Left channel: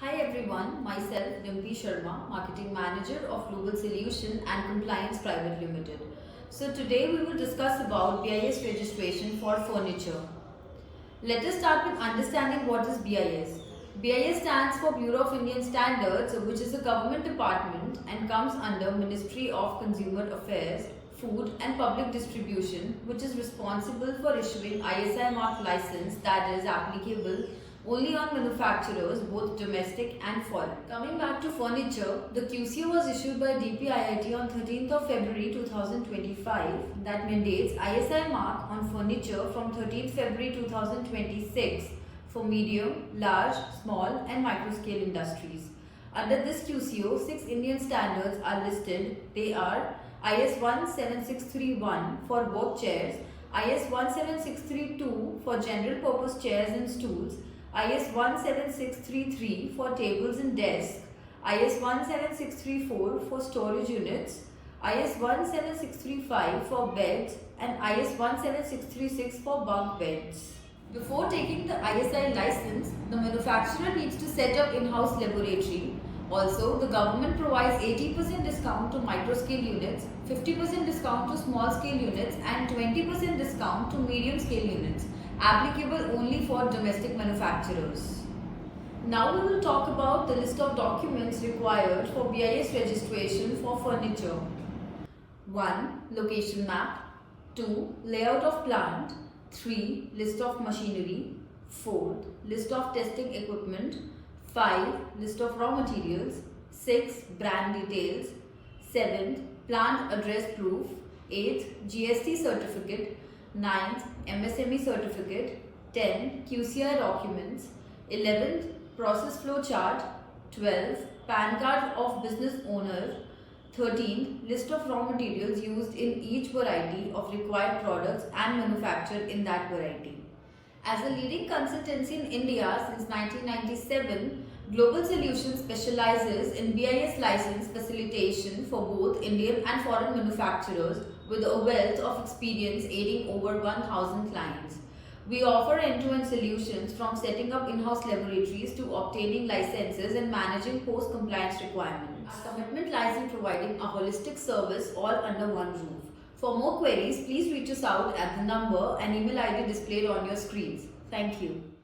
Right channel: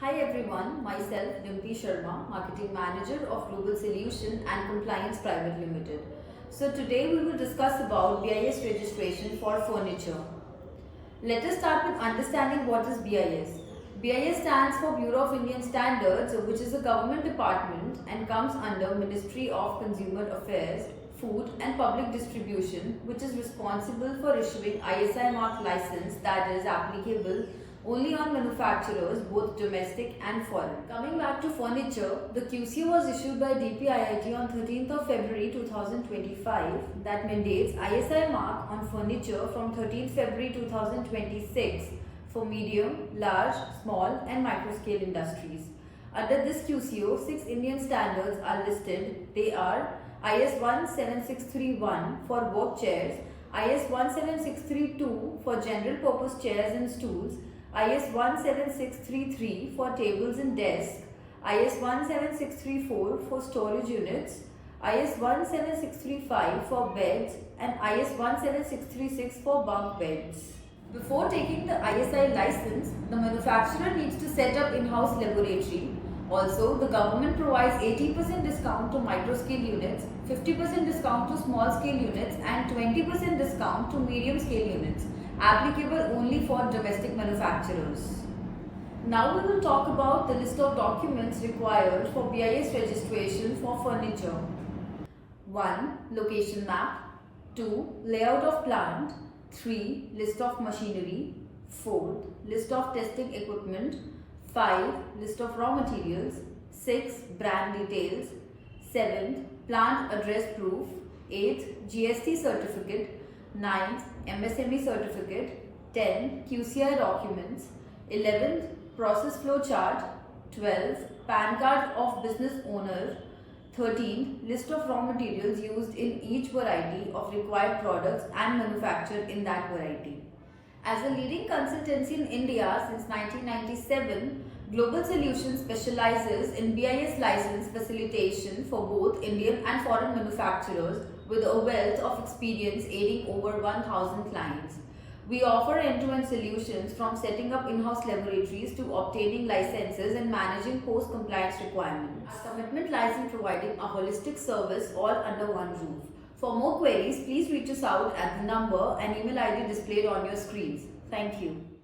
Hi everyone, myself Dimpi Sharma, Marketing Manager of Global Solution and Compliance Private Limited. So today we will discuss about BIS registration for furniture. Let us start with understanding what is BIS. BIS stands for Bureau of Indian Standards, which is a government department and comes under Ministry of Consumer Affairs, Food and Public Distribution, which is responsible for issuing ISI mark license that is applicable only on manufacturers both domestic and foreign. Coming back to furniture, the QCO was issued by DPIIT on 13th of February 2025 that mandates ISI mark on furniture from 13th February 2026 for medium, large, small and micro scale industries. Under this QCO, 6 Indian standards are listed. They are IS 17631 for work chairs, IS 17632 for general purpose chairs and stools, IS 17633 for tables and desks, IS 17634 for storage units, IS 17635 for beds and IS 17636 for bunk beds. Before taking the ISI license, the manufacturer needs to set up in-house laboratory. Also, the government provides 80% discount to micro-scale units, 50% discount to small-scale units and 20% discount to medium-scale units, applicable only for domestic manufacturers. Now we will talk about the list of documents required for BIS registration for furniture. 1. Location map. 2. Layout of plant. 3. List of machinery. 4. List of testing equipment. 5. List of raw materials. 6. Brand details. 7. Plant address proof. 8. GST certificate. 9. MSME certificate. 10. QCI documents. 11. Process flow chart. 12. PAN card of business owner. 13. List of raw materials used in each variety of required products and manufactured in that variety. As a leading consultancy in India since 1997, Global Solutions specializes in BIS license facilitation for both Indian and foreign manufacturers with a wealth of experience aiding over 1,000 clients. We offer end-to-end solutions from setting up in-house laboratories to obtaining licenses and managing post-compliance requirements. Our commitment lies in providing a holistic service all under one roof. For more queries, please reach us out at the number and email ID displayed on your screens. Thank you.